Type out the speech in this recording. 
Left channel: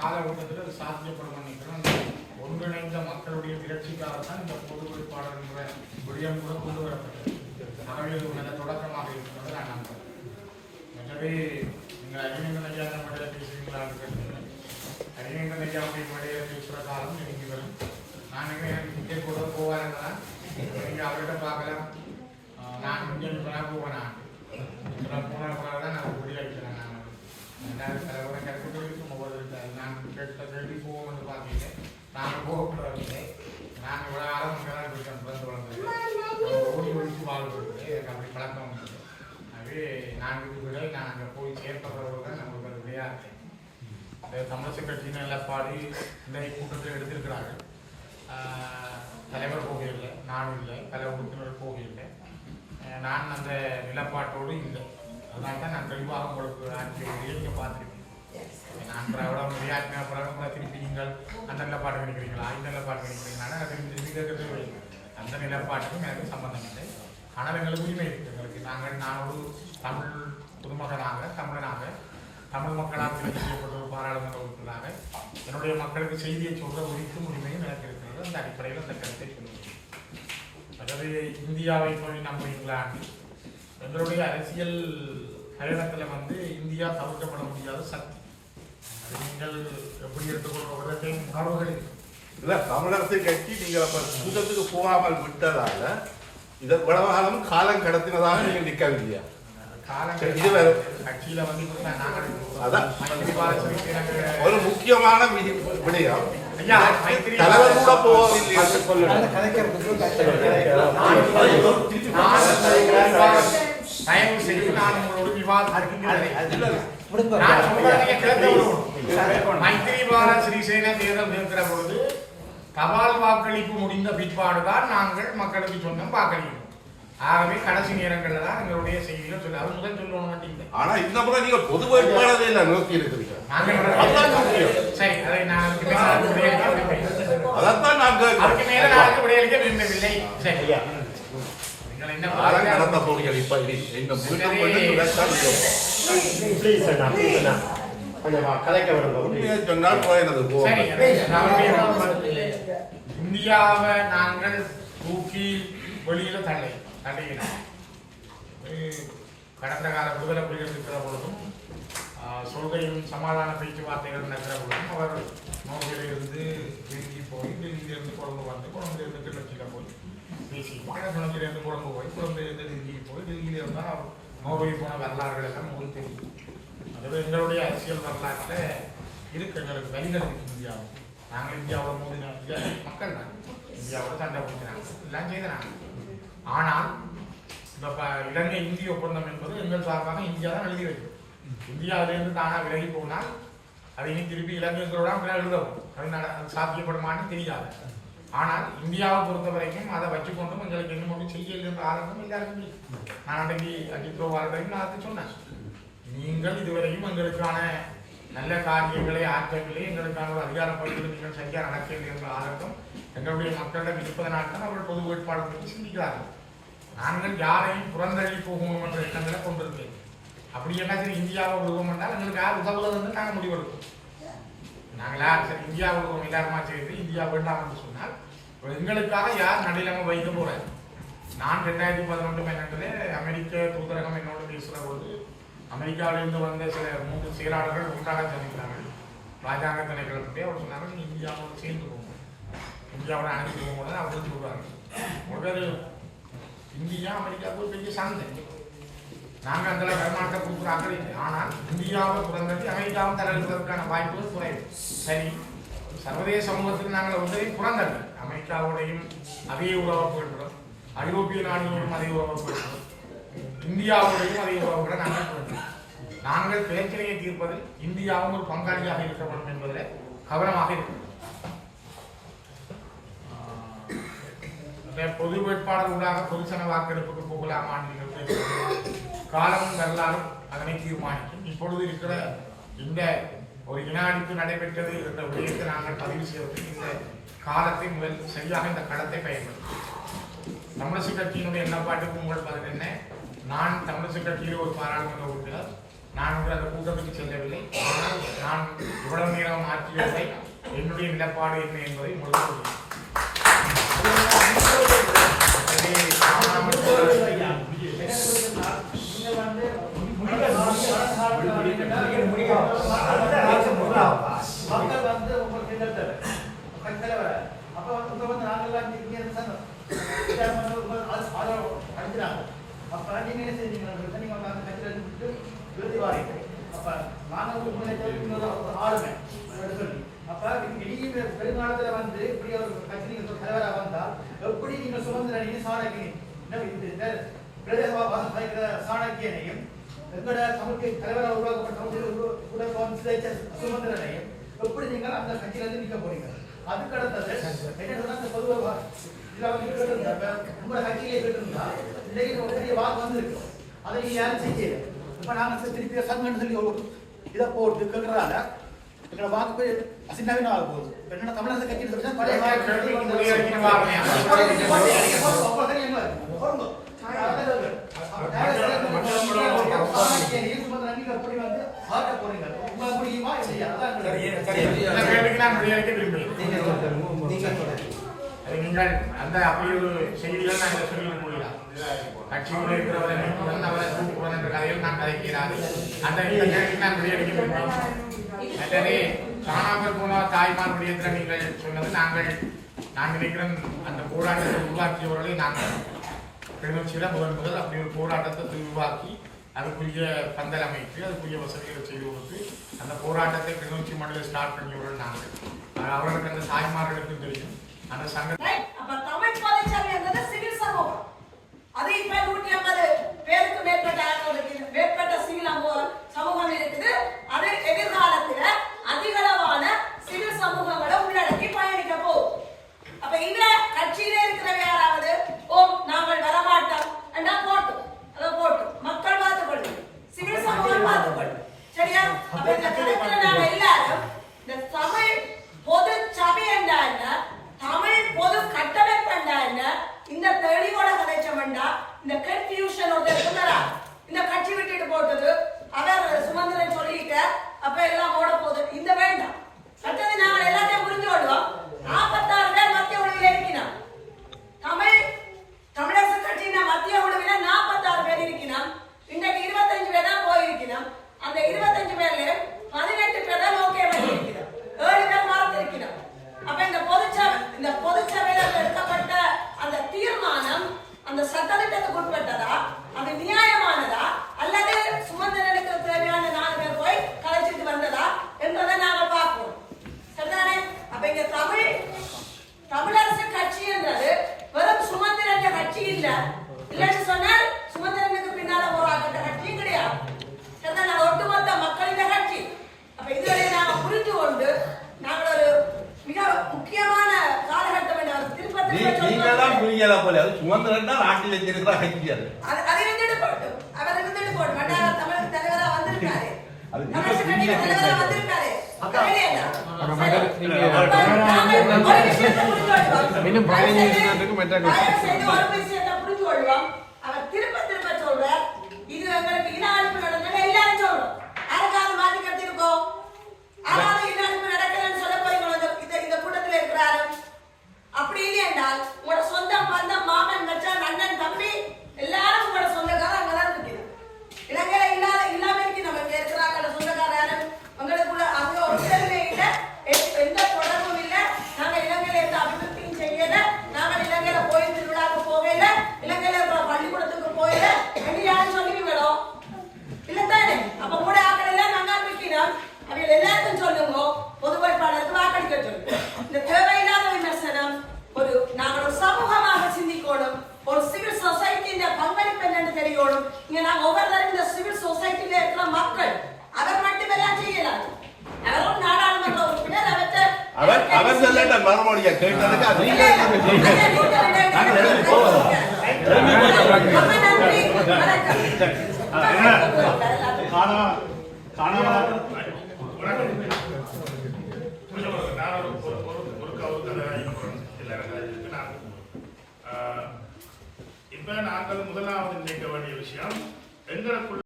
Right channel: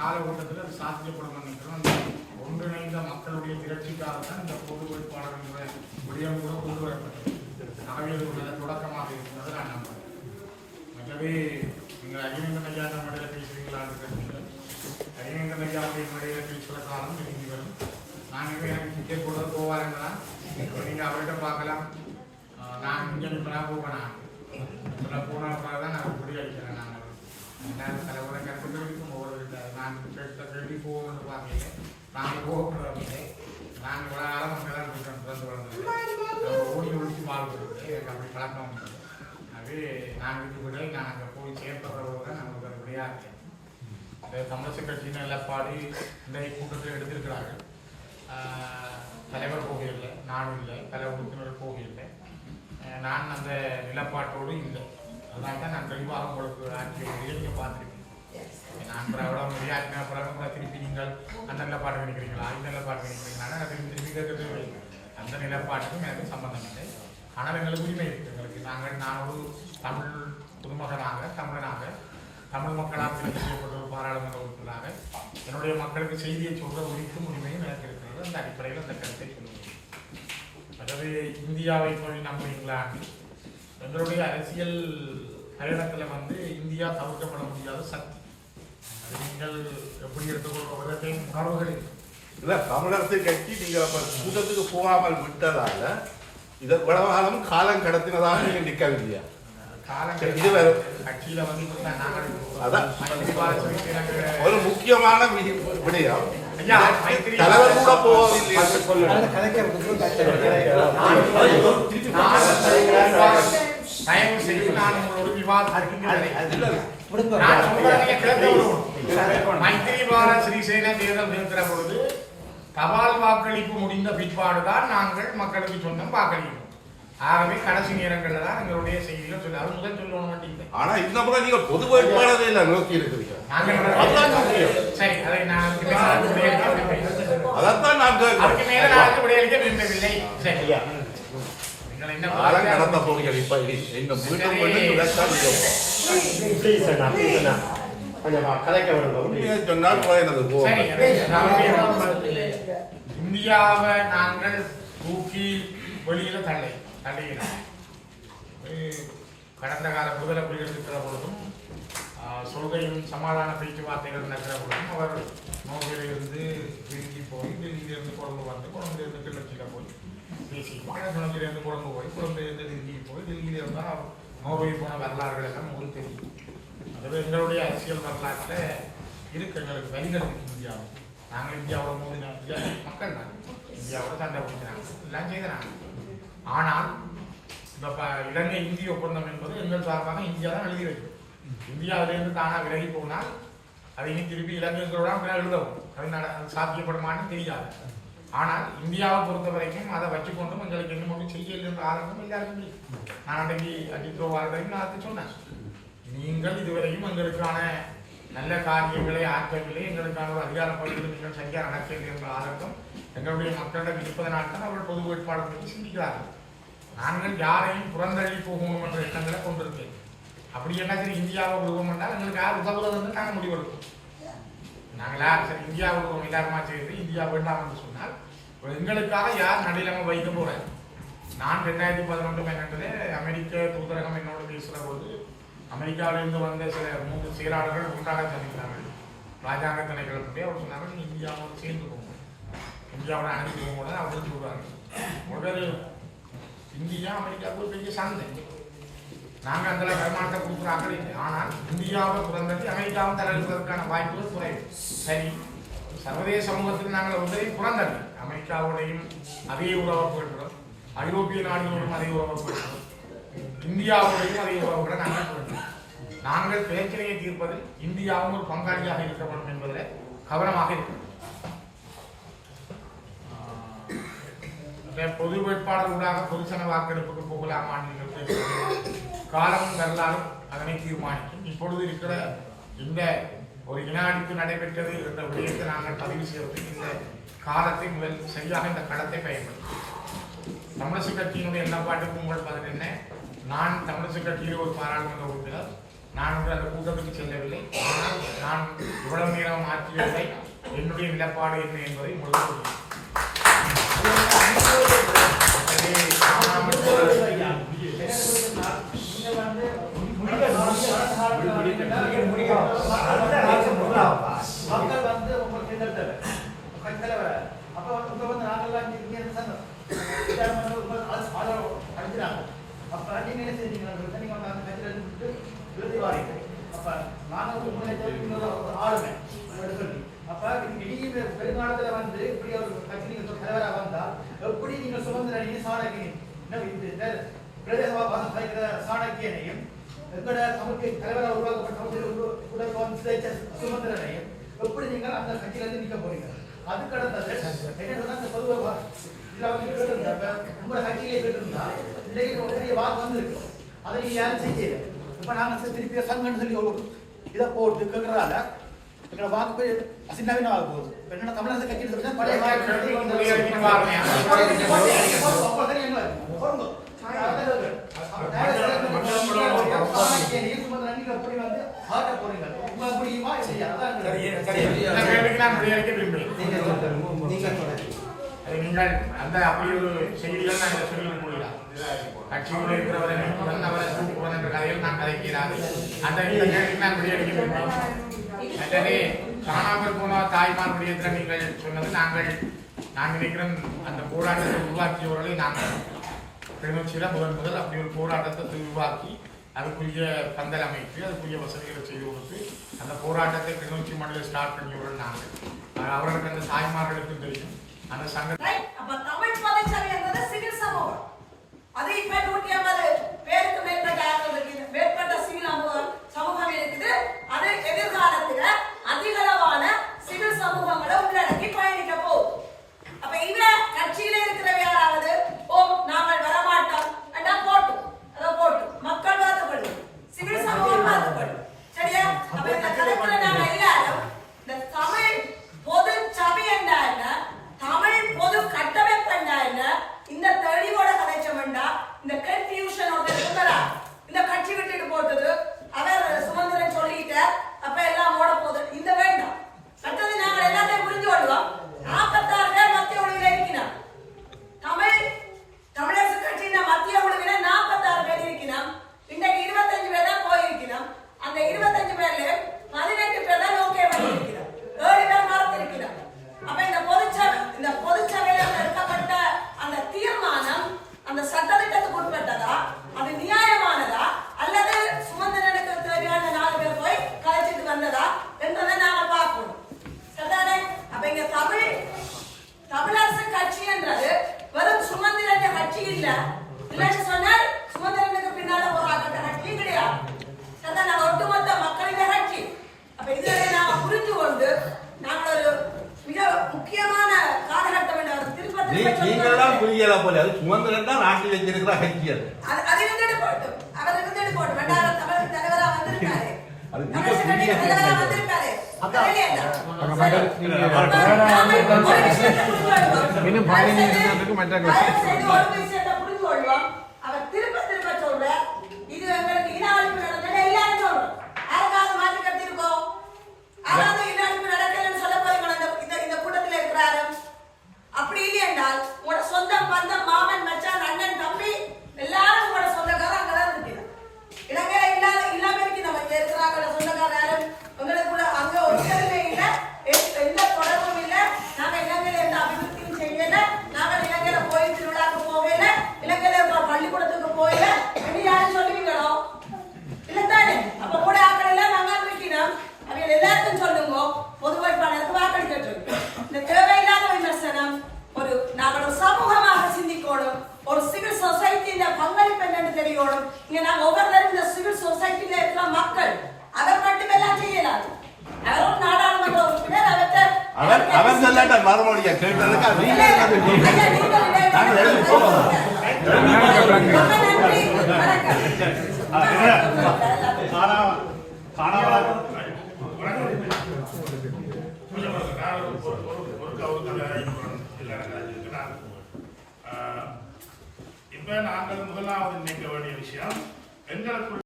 காலகட்டத்தில் அது சாத்தியப்படும் நினைக்கிறோம். ஒன்றிணைந்த மக்களுடைய திரட்சிக்காக தான் இந்த பொது வேட்பாளர் என்ற விடியம் கூட கொண்டு வரப்பட்டது. ஆகவே இது ஒரு நல்ல தொடக்கமாக இருக்கிறது நான் நம்புகிறேன் மற்றபடி நீங்கள் அறிஞர்கள் ஐயா நம்மிடையே பேசுவீங்களா இருக்கிறீர்கள் அறிஞர்கள் ஐயாவுடைய முறையை பேசுகிற காலம் நெருங்கி வரும். நான் எனக்கு டிக்கெட் கூட போவாருங்களா? நீங்கள் அவர்கிட்ட பார்க்கலாம். நான் இங்கே இப்போ போவேன்? நான் போன பிறகு தான் நான் முடிவு அடிக்கிறேன் நான் தலைவரை தலைமுறை நான் கேட்ட கேள்வி போகணும்னு பார்த்தீங்க நாங்கள் போகப்படுறவங்க நாங்கள் இவ்வளோ ஆழம் அங்கே இருக்கோம் பிறந்து வளர்ந்தது நம்ம ஓடி ஒழிச்சு வாழ்ந்துருக்கு எனக்கு அப்படி பழக்கம் உண்டு ஆகவே நான் இது விட நான் அங்கே போய் சேர்ப்பதோடு தான் நமக்கு அது விடையா இருக்கேன் இந்த தமிழக கட்சியின் நிலப்பாடு இந்த கூட்டத்தில் எடுத்திருக்கிறார்கள் தலைவர் போகவில்லை நானும் இல்லை பல உறுப்பினர் போகவில்லை நான் அந்த நிலப்பாட்டோடு இல்லை. அதனால தான் நான் தெளிவாக உங்களுக்கு நான் பார்த்துருக்கேன் அந்த நிலப்பாடு கிடைக்கிறீங்களா இந்த நிலப்பாடு கிடைக்கிறீங்களா திருப்பி அந்த நிலப்பாட்டுக்கும் எனக்கு சம்பந்தம் இல்லை ஆனால் எங்களுக்கு உரிமை இருக்குது எங்களுக்கு நாங்கள் நான் ஒரு தமிழ் குடும்பங்களாக தமிழனாக தமிழ் மக்களால் செய்யப்பட்ட ஒரு பாராளுமன்ற உறுப்பினராக என்னுடைய மக்களுக்கு செய்தியை சொல்ற உரிக்கும் உரிமையும் எனக்கு இருக்கிறது அந்த அடிப்படையில் அந்த கருத்தை சொல்லுவேன் அதாவது இந்தியாவை போய் நம்ம இங்கிலாந்து எங்களுடைய அரசியல் பயணத்தில் வந்து இந்தியா தவிர்க்கப்பட முடியாத சக்தி நீங்கள் எப்படி எடுத்துக்கொள்வதற்கு உணர்வுகள். இருக்கு. இல்ல தமிழரசு கட்சி நீங்க அப்ப கூட்டத்துக்கு போகாமல் விட்டதால இதை விடவாலும் காலம் கடத்தினதாக காலம் இப்ப நாங்கள் சிறிசேனக்கு ஒரு முக்கியமான விடயம். தலைவர் கூட போகவில்லை என்று சொல்லணும் தயவு செய்து நான் உங்களோட விவாதத்திற்கு நான். மைத்திரிபால சிறிசேன தேர்தல் நிறுத்துற பொழுது தபால் வாக்களிப்பு முடிந்த பிற்பாடுதான் நாங்கள் மக்களுக்கு சொன்னோம் வாக்களிப்போம் ஆகவே கடைசி நேரங்கள்ல தான் எங்களுடைய செய்திகள் சொல்ல அது முதல் சொல்லணும் மாட்டீங்க ஆனா இந்த முறை நீங்க பொது வேட்பாளரை இல்ல நோக்கி இருக்கிறீங்க. நாங்கள் சரி அதை நான். அதைத்தான் நான் அதுக்கு நான் அதுக்கு விடையளிக்க விரும்பவில்லை. சரி. நீங்கள் என்ன காலம் கடந்த போகிறீர்கள் இப்ப இந்த முழுக்க செய்யணும். கலைக்க நம்முடைய இந்தியாவை நாங்கள் தூக்கி வெளியில தள்ளை தள்ளுகிறோம் அஹ் கடந்த கால விடுதலை புலிகள் இருக்கிற பொழுதும் சொல்கையும் சமாதான பேச்சுவார்த்தைகள் நடக்கிற பொழுதும் அவர் நோக்கில இருந்து டெல்லி போய் டெல்லியில இருந்து கொழும்பு வந்து கொழும்புல இருந்து கிளர்ச்சியில போய் பேசி குழந்தையில இருந்து கொழும்பு போய் குழந்தையில இருந்து டெல்லி போய் டெல்லியில இருந்தா அவர் நோவை போன வரலாறுகள் எல்லாம் உங்களுக்கு தெரியும். அதுவே எங்களுடைய அரசியல் வரலாற்றில் இருக்கு எங்களுக்கு வரிகள் முடியாது இந்தியாவில் நாங்கள் இந்தியாவோட மோதின மக்கள் தான். இந்தியாவோட சண்டை பிடிக்கிறாங்க. எல்லாம் செய்கிறாங்க. ஆனால் இந்த இலங்கை இந்திய ஒப்பந்தம் என்பது எங்கள் சார்பாக இந்தியா தான் எழுதி வைக்கும். இந்தியாவிலிருந்து தானாக விலகி போனால் அதை இனி திருப்பி இலங்கைகளோட எழுதவும். அது சாத்தியப்படுமான்னு தெரியாது. ஆனால் இந்தியாவை பொறுத்த வரைக்கும் அதை வச்சுக்கொண்டும் எங்களுக்கு இன்னும் ஒன்றும் செய்யல என்ற ஆரம்பம் எல்லாருக்குமே. நான் அன்றைக்கு அஜித் வாரத்தையும் நான் சொன்னேன். நீங்கள் இதுவரையும் எங்களுக்கான நல்ல காரியங்களை ஆற்றல்களை எங்களுக்கான ஒரு அதிகாரப்படுத்தி நீங்கள் செய்ய நடக்கிறது என்ற ஆரம்பம் எங்களுடைய மக்களிடம் இருப்பதை நாட்கள் அவர்கள் பொது வேட்பாளர்கள் சிந்திக்கிறார்கள் நாங்கள் யாரையும் புறந்தள்ளி போகணும் என்ற எண்ணங்களை கொண்டிருந்தேன் அப்படி என்ன சரி இந்தியாவை விடுவோம் என்றால் எங்களுக்கு யார் உதவுவது என்று நாங்கள் முடிவெடுப்போம். நாங்களா சரி இந்தியாவை விடுவோம் எல்லாருமா செய்து இந்தியா வேண்டாம் என்று சொன்னால் எங்களுக்காக யார் நடிலமை வைக்க போறார்? நான் ரெண்டாயிரத்தி பதினொன்று பன்னெண்டுல அமெரிக்க தூதரகம் என்னோட பேசுகிற போது அமெரிக்காவிலிருந்து வந்த சில மூன்று செயலாளர்கள் ஒன்றாக சந்திக்கிறார்கள். ராஜாங்க தலைவர்கள்ட்டே அவர் சொன்னாங்க இந்தியாவோடு சேர்ந்து போகணும் இந்தியாவோட அனைத்து போகணும் அவர் சொல்றாங்க உடனே இந்தியா அமெரிக்காவுக்கு ஒரு பெரிய சந்தை நாங்கள் அந்த கர்நாடகா கொடுக்குறாங்க ஆனால் இந்தியாவை பிறந்தது அமெரிக்காவும் தரதுக்கான வாய்ப்புகள் குறைவு. சரி சர்வதேச சமூகத்துக்கு நாங்கள் உதவி பிறந்தது அமெரிக்காவோடையும் அதே உறவுகளுடன் ஐரோப்பிய நாடுகளோடும் அதே உறவுகளுடன் இந்தியாவுடையும் அதை கூட நாங்கள் நாங்கள் பிரச்சனையை தீர்ப்பதில் இந்தியாவும் ஒரு பங்காளியாக இருக்க வேண்டும் என்பதில் கவனமாக இருக்கிறது பொது வேட்பாளர் ஊடாக பொதுசன வாக்கெடுப்புக்கு போகலாமா காலமும் வரலாறும் அதனை தீர்மானிக்கும். இப்பொழுது இருக்கிற இந்த ஒரு வினாடிக்கு நடைபெற்றது என்ற விடயத்தை நாங்கள் பதிவு செய்வது இந்த காலத்தை முதல் சரியாக இந்த களத்தை பயன்படுத்தும் தமிழரசு கட்சியினுடைய எண்ணப்பாட்டுக்கு உங்கள் பதில் என்ன? நான் தமிழக கட்சியில் ஒரு பாராளுமன்ற உறுப்பினர். நான் வந்து அந்த கூட்டத்துக்கு செல்லவில்லை ஆனால் நான் இவ்வளவு நேரம் ஆற்றியதை என்னுடைய நிலப்பாடு என்ன என்பதை முடிவு மக்கள் வந்து உங்க கிண்டத்தர் அப்ப வந்து நாங்கெல்லாம் இங்க இருந்து சொன்னோம் அடிக்கிறாங்க அப்ப நீங்க என்ன செஞ்சீங்க நீங்க கட்சியில இருந்து விருது வாங்க அப்ப நாங்க வந்து உங்களை ஒரு ஆளுமை. சொல்லி அப்ப நீங்க பெருங்காலத்துல வந்து இப்படி ஒரு கட்சி நீங்க தலைவரா வந்தா எப்படி நீங்க சுதந்திர நீங்க சாணக்கியனை சாணக்கியனையும் எங்களோட தமிழுக்கு தலைவராக உருவாக்கப்பட்ட எப்படி நீங்கள் அந்த கட்சியில இருந்து நிக்க போறீங்க அதுக்கு அடுத்தது என்ன சொன்னா உங்களோட கட்சியிலே இன்னைக்கு வாக்கு வந்திருக்கு. அதை நீங்க யாரும் செய்யல. இப்ப நாங்க திருப்பி சங்கன்னு சொல்லி இதை போட்டு எங்களோட வாக்கு போய் அசிண்டாவினா ஆக போகுது. என்னன்னா தமிழக கட்சியில் சொல்லி பழைய நீங்கள் அந்த அப்படி ஒரு செய்திகள் இதை சொல்லி முடியலாம் கட்சியோடு இருக்கிறவரை அவரை என்ற கதையில் நான் அந்த கேள்விக்கு நான் காணாமல் போன நீங்கள் சொன்னது நாங்கள் நான் நினைக்கிறேன் அந்த போராட்டத்தை உருவாக்கியவர்களை நாங்கள் கிளிநொச்சியில முதல் முதல் அப்படி ஒரு போராட்டத்தை உருவாக்கி அதுக்குரிய பந்தல் அமைத்து அதுக்குரிய வசதிகளை செய்து கொடுத்து அந்த போராட்டத்தை கிளிநொச்சி மண்டல ஸ்டார்ட் பண்ணியவர்கள் நாங்கள் அவர்களுக்கு அந்த தாய்மார்களுக்கும் தெரியும் அந்த சங்க Right? அப்ப தமிழ் பதச்சபை என்பது சிவில் சமூகம் அது இப்ப நூற்றி ஐம்பது பேருக்கு மேற்பட்ட ஆட்களுக்கு மேற்பட்ட சிவில் சமூகம் சமூகம் இருக்குது அது எதிர்காலத்துல அதிகளவான சிவில் சமூகங்களை உள்ளடக்கி பயணிக்க போகுது அப்ப இந்த கட்சியில இருக்கிற யாராவது ஓ நாங்கள் வரமாட்டோம் அண்டா போட்டு அதை போட்டு மக்கள் பார்த்துக்கொள்ளும் சிவில் சமூகம் பார்த்துக்கொள்ளும் சரியா அப்ப இந்த கருத்துல நாங்க எல்லாரும் இந்த தமிழ் பொது சபை என்றா என்ன தமிழ் பொது கட்டமைப்பு என்றா என்ன இந்த தெளிவோட கதைச்சோம்டா இந்த கன்ஃபியூஷன் ஒருத்தர் இருந்தாரா இந்த கட்சி விட்டுட்டு போட்டது அவர் சுமந்திரன் சொல்லிட்டார் அப்ப எல்லாம் ஓட போகுது இந்த வேண்டாம் மற்றது நாங்கள் எல்லாத்தையும் புரிஞ்சு கொள்வோம் நாற்பத்தாறு பேர் மத்திய ஒழுங்கில் இருக்கிறோம் தமிழ் தமிழரசு கட்சியின் மத்திய குழுவில நாற்பத்தாறு பேர் இருக்கிறோம் இன்றைக்கு இருபத்தஞ்சு பேர் தான் போயிருக்கிறோம் அந்த இருபத்தஞ்சு பேர்ல பதினெட்டு பேர் தான் ஓகே பண்ணியிருக்கிறோம் ஏழு பேர் மறந்திருக்கிறோம் அப்ப இந்த பொதுச்சபை இந்த பொதுச்சபையில எடுக்கப்பட்ட அந்த தீர்மானம் அந்த சட்டத்திட்டத்துக்கு உட்பட்டதா அது நியாயமானதா அல்லது சுமந்திரனுக்கு தேவையான நாலு பேர் போய் கலைச்சிட்டு வந்ததா என்றதை நாங்கள் பார்க்கணும் சரிதானே அப்ப இங்க தமிழ் தமிழரசு கட்சி என்றது வெறும் சுமந்திரன் கட்சி இல்ல இல்லைன்னு சொன்னால் சுமந்திரனுக்கு பின்னால போராட்ட கட்சியும் கிடையாது சரிதானே அது ஒட்டுமொத்த மக்களின் கட்சி அப்ப இதுவரை நாங்க புரிந்து கொண்டு நாங்கள் ஒரு மிக முக்கியமான காலகட்டம் என்று அவர் திருப்ப திருப்ப நீங்களெல்லாம் சொல்லுவாங்க. புரியல போல அது இருக்கிற கட்சி அது இருந்துட்டு போட்டும் அவர் தமிழ் தலைவரா வந்திருக்காரு கட்சியின் புரிய தலைவரா வைக்கிறது. வந்திருக்காரு அக்கா. தெரியல. அக்கா, மேடம், நீங்க அப்ப நாங்கள் ஒரு விஷயத்தை புரிந்து கொள்வோம். இன்னும் பதினைந்து நிமிடத்துக்கு மற்ற question. தயவு செய்து ஒரு விஷயத்தை புரிந்து கொள்வோம். அவர் திரும்ப திரும்ப சொல்றார், இது எங்களுக்கு இன அழிப்பு நடந்தது எல்லாரும் சொல்றோம். யாருக்காவது மாற்றி கட்டியிருக்கோம்? யாராவது இன அழிப்பு நடக்கலைன்னு சொல்ல போறீங்களா இந்த- இந்த- இந்த கூட்டத்துல இருக்கிறாரு? அப்படி இல்லை என்றால் உங்களோட சொந்தம் பந்தம் மாமன் மச்சான் அண்ணன் தம்பி எல்லாரும் உங்களோட சொந்தக்காரர் அங்கதான் இருக்கிறோம் இலங்கையில இல்லாத இல்லாம இருக்கு நம்ம இங்க இருக்கிறாங்க சொந்தக்காரர் யாரும் உங்களுக்கு கூட அங்க ஒரு சேருமே இல்ல எ- எந்த தொடர்பும் இல்ல நாங்க இலங்கையில எந்த அபிவிருத்தியும் செய்யல நாங்க இலங்கையில கோயில் திருவிழாக்கு போகல இலங்கையில இருக்கிற பள்ளிக்கூடத்துக்கு போகல என்று யாரும் சொல்லுவீங்களோ இல்லத்தானே அப்ப கூட ஆக்கள் எல்லாம் நாங்க இருக்கிறோம் அவங்க எல்லாருக்கும் சொல்லுங்க பொது வேட்பாளருக்கு வாக்களிக்க சொல்லுங்க இந்த தேவையில்லாத விமர்சனம் ஒரு நாங்கள் ஒரு சமூகமாக சிந்திக்கணும் ஒரு சிவில் சொசைட்டியின் பங்களிப்பு என்னன்னு தெரியணும் இங்க நாங்க ஒவ்வொருத்தரும் இந்த சிவில் சொசைட்டில இருக்கிற மக்கள் அவர் மட்டும் எல்லாம் செய்யலாம் அவரும் நாடாளுமன்ற உறுப்பினர் அவற்றை அவர் அவர் சொல்லாட்ட மறுமொழியா கேட்டதுக்கு அது நீங்க நன்றி வணக்கம் இப்போ நாங்கள் முதலாவது நினைக்க வேண்டிய விஷயம். எங்களுக்குள்ள